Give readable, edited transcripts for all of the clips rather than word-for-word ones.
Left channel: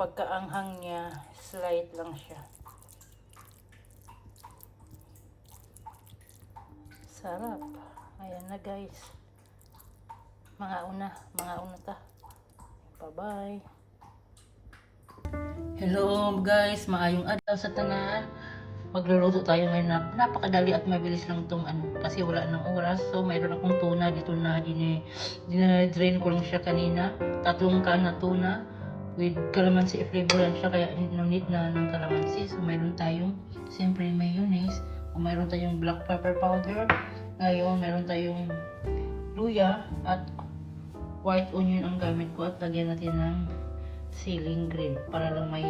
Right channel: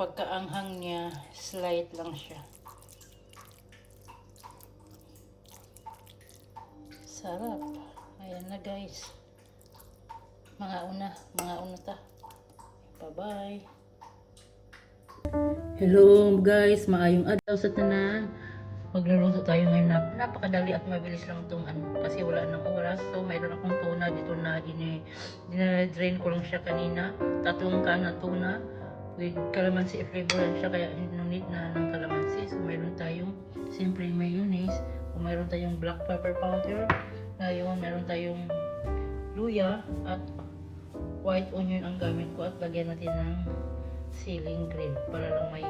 pagkaanghang niya, slight lang siya. Sarap. Ayan na guys. Mga una ta. Bye-bye. Hello guys, maayong adlaw sa tanan. Magluluto tayo ngayon na napakadali at mabilis lang itong kasi wala nang oras. So mayroon akong tuna dito na dine-drain ko lang siya kanina. 3 can na tuna with calamansi flavor lang siya, kaya no need na ng calamansi. So mayroon tayong siyempre mayonnaise, o mayroon tayong black pepper powder. Ngayon mayroon tayong luya at white onion ang gamit ko, at lagyan natin ng ceiling green para lang may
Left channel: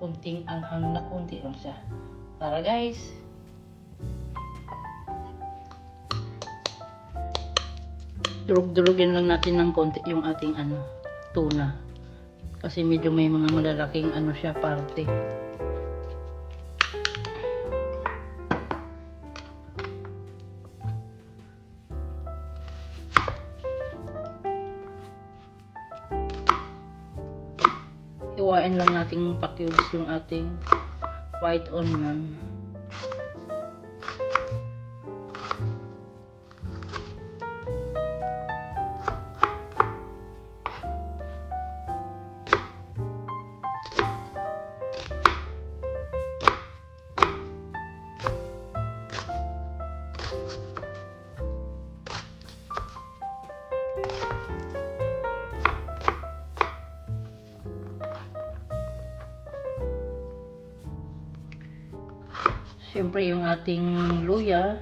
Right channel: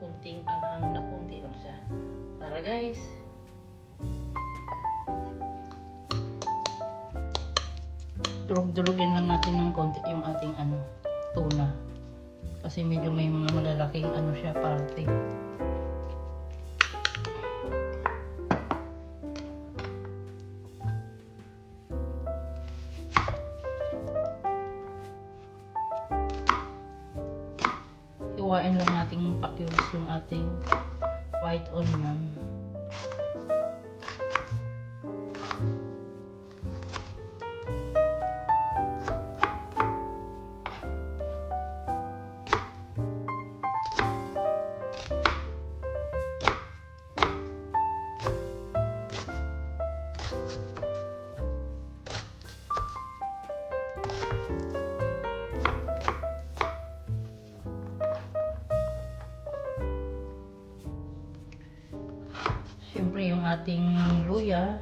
kunting anghang na kunti lang siya. Tara guys! Durug-durugin lang natin ng konti yung ating tuna. Kasi medyo may mga malalaking siya parte. Hiwain lang nating pa-cubes yung ating white onion. Siyempre yung ating luya,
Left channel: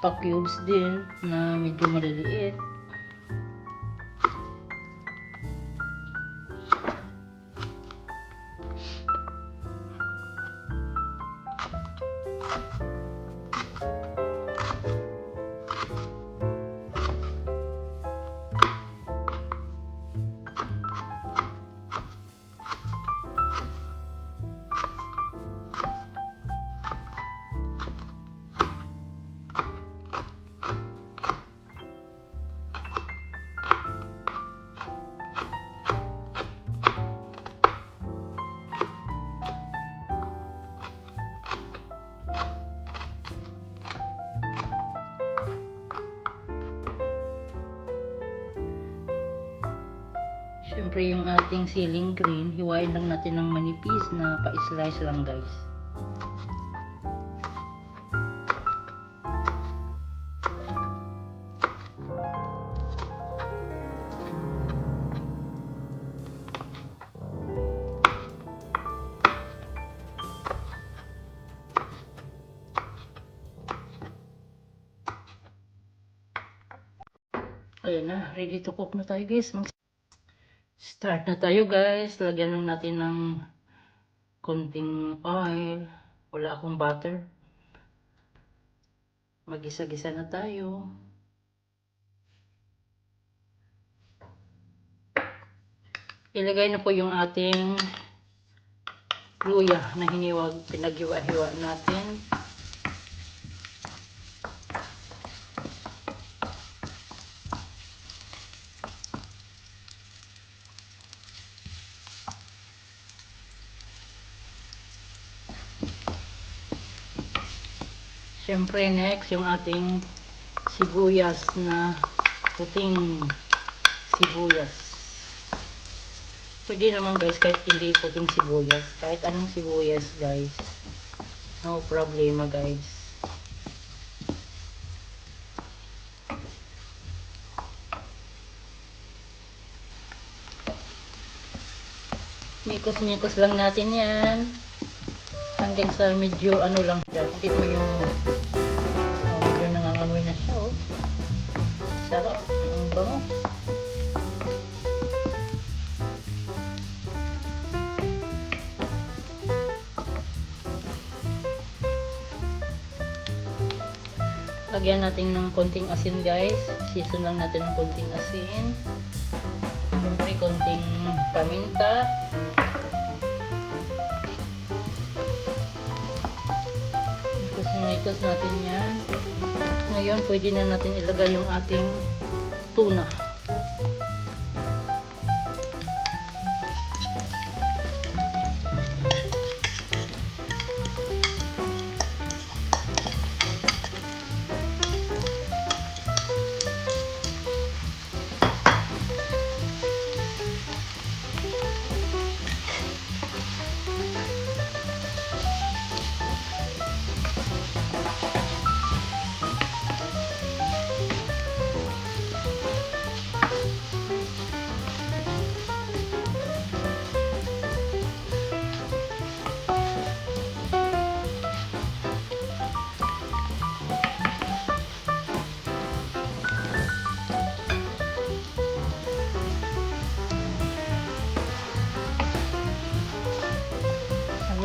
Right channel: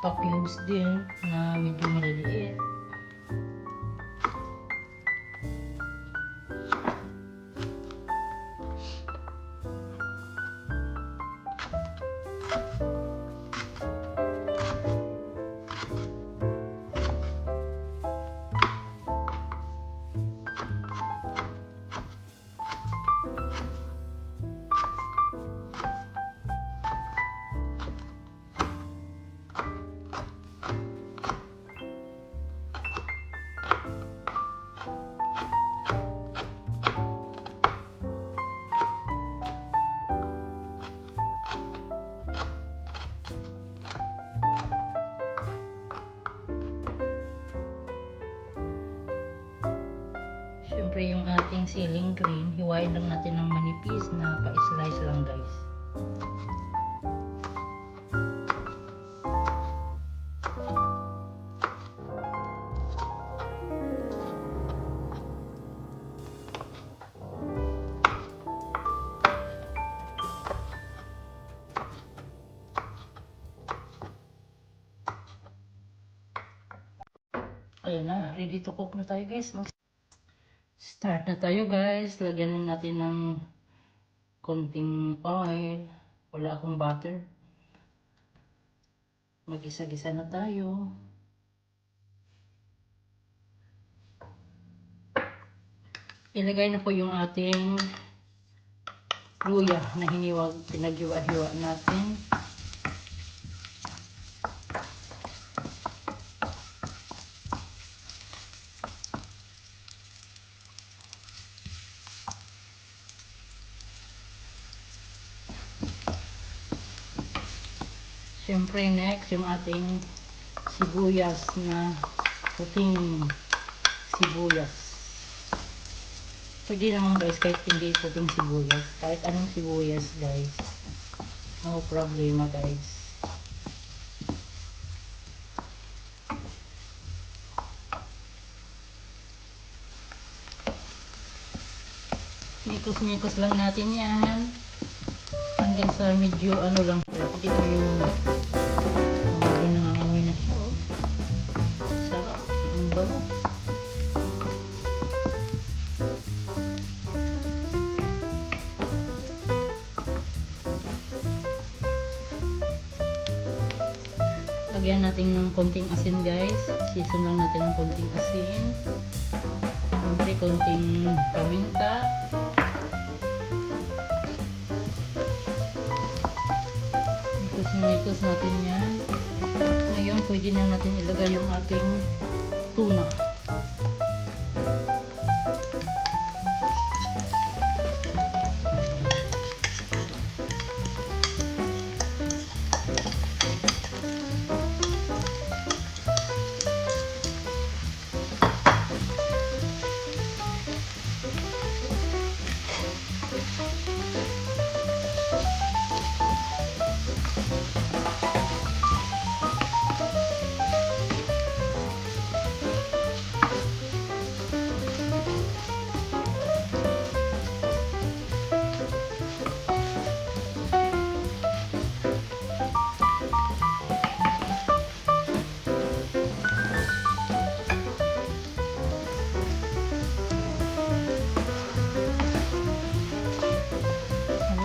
pa-cubes din na medyo maliliit. Siyempre yung ating ceiling green, hiwain lang natin ng manipis na pa-slice lang guys. Ayan na, ready to cook na tayo guys. Start na tayo guys. Lagyan lang natin ng konting oil. Wala akong butter. Magisa-gisa na tayo. Ilagay na po yung ating luya na hiniwag, pinaghiwa-hiwa natin. Siyempre next yung ating sibuyas na puting sibuyas. Pwede naman guys kahit hindi puting sibuyas, kahit anong sibuyas guys, no problema guys. Mikos-mikos lang natin yan hanggang sa medyo lang siya. Ito yung medyo nangangamoy na siya. Oh. Sarap. Ang bango. Lagyan natin ng konting asin guys. Season lang natin ng konting asin. Siyempre konting paminta. Ikos natin yan. Ngayon pwede na natin ilagay yung ating tuna.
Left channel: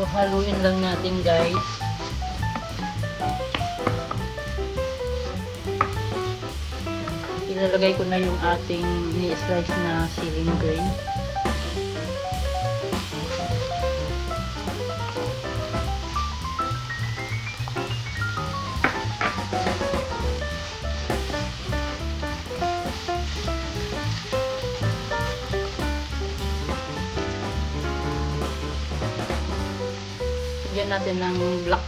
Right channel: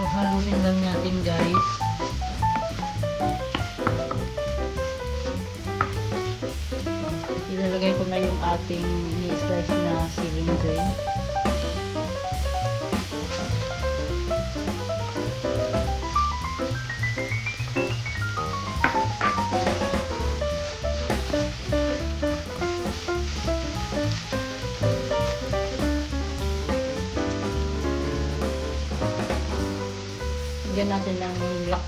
Haluin lang natin guys. Ilalagay ko na yung ating ni-slice na siling green. Lagyan natin ng black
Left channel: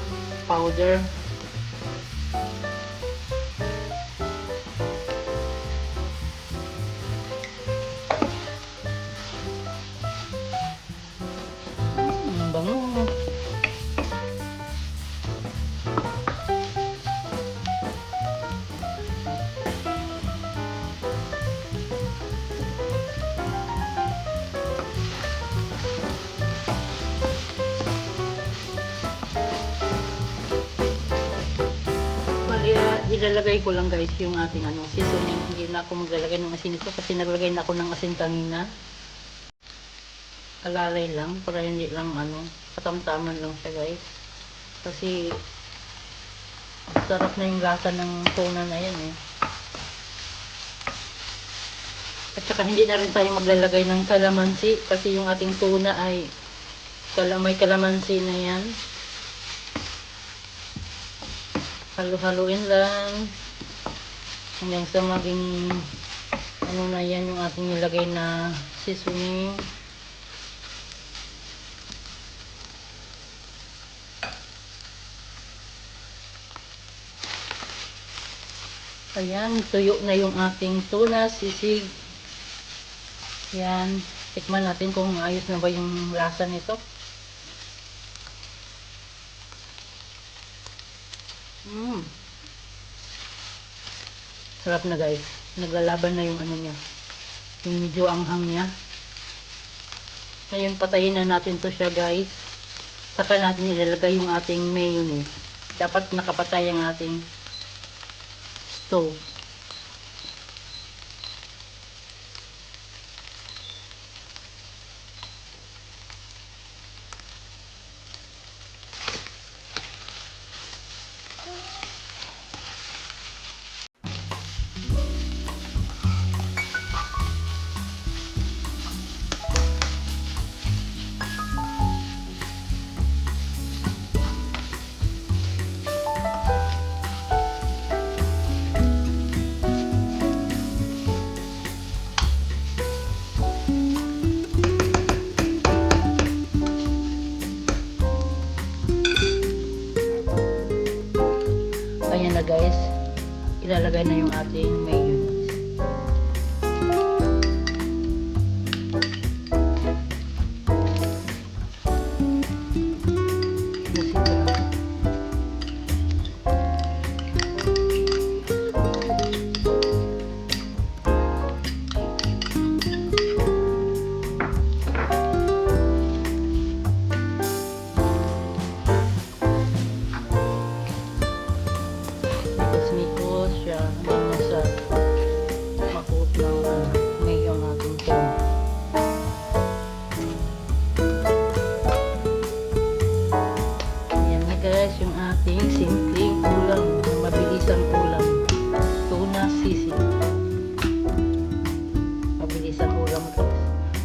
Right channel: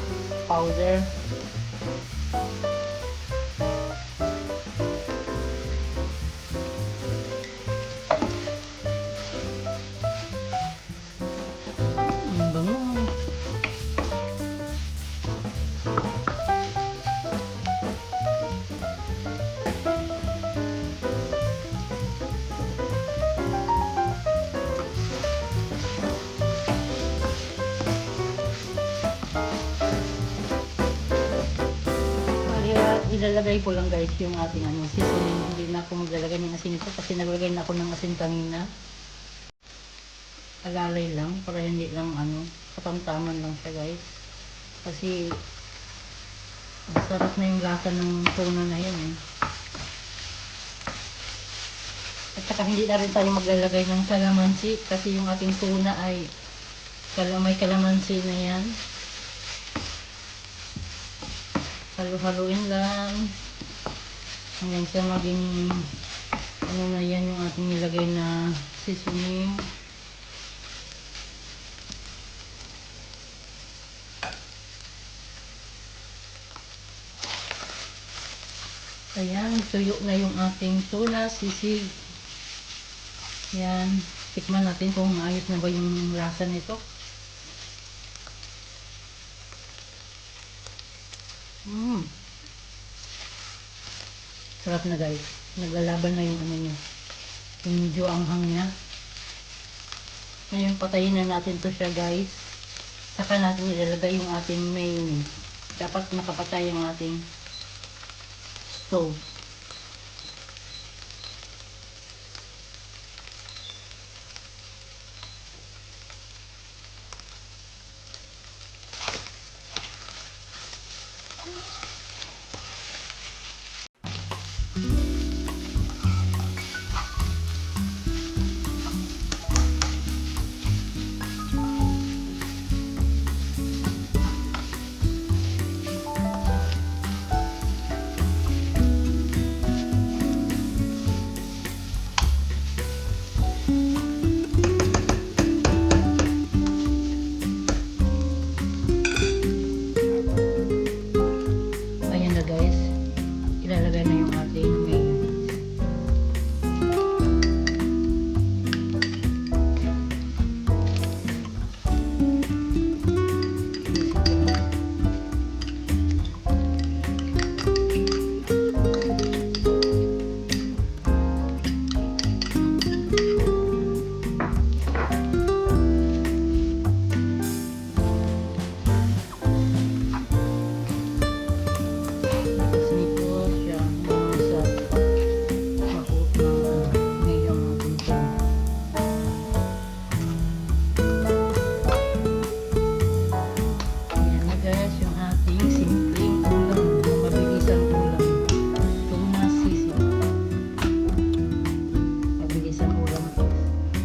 powder. Ang bango. Ilalagay ko lang guys yung ating seasoning. Hindi na ako maglalagay ng asin ito kasi nalagay na ako ng asin kanina. Alalay lang para hindi lang katamtaman lang siya guys. Kasi sarap na yung lasa ng tuna na yan eh. At saka hindi na rin tayo maglalagay ng kalamansi kasi yung ating tuna ay may kalamansi na yan. Halo-haluin lang hanggang sa maging na yan yung ating nilagay na seasoning. Ayan, tuyo na yung ating tuna sisig. Yan, tikman natin kung ayos na ba yung lasa nito. Sarap na guys. Naglalaban na yung niya. Yung medyo anghang niya. Ngayon patayin na natin to siya guys. Saka natin ilalagay yung ating mayonnaise. Dapat nakapatay ang ating stove. Guys, ilalagay na yung ating mayonnaise.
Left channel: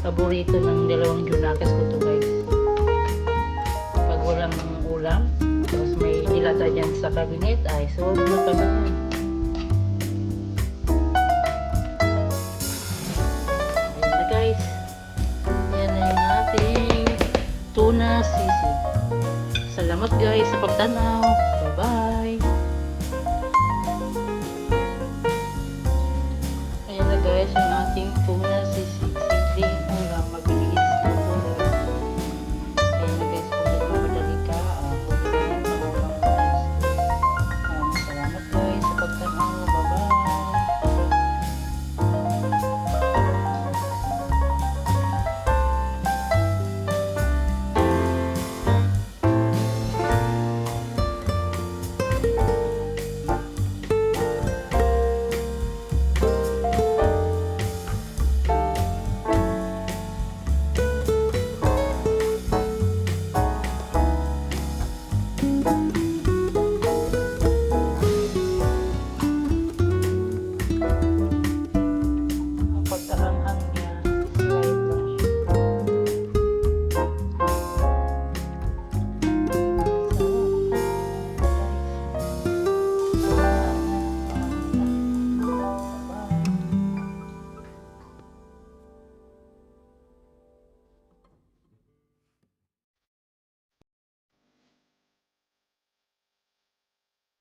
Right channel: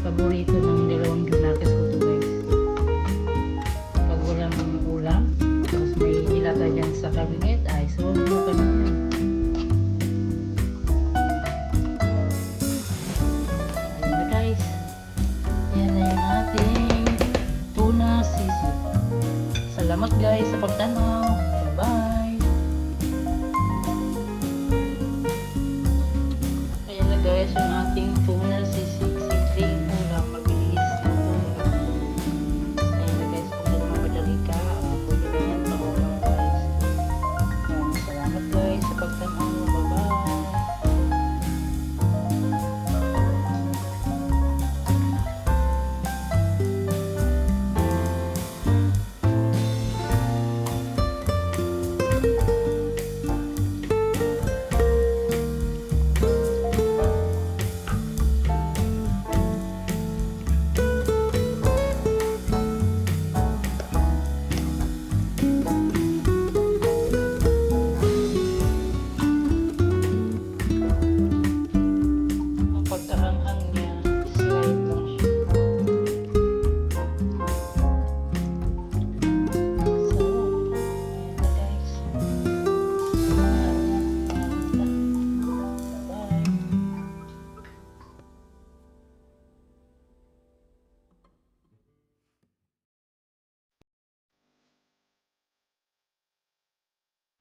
Paborito ng dalawang Junakis ko to guys. Pag walang ulam, tapos may dilata dyan sa cabinet, ay so na pag ayan na guys. Ayan na yung ating tuna sisig. Salamat guys sa pagtanaw.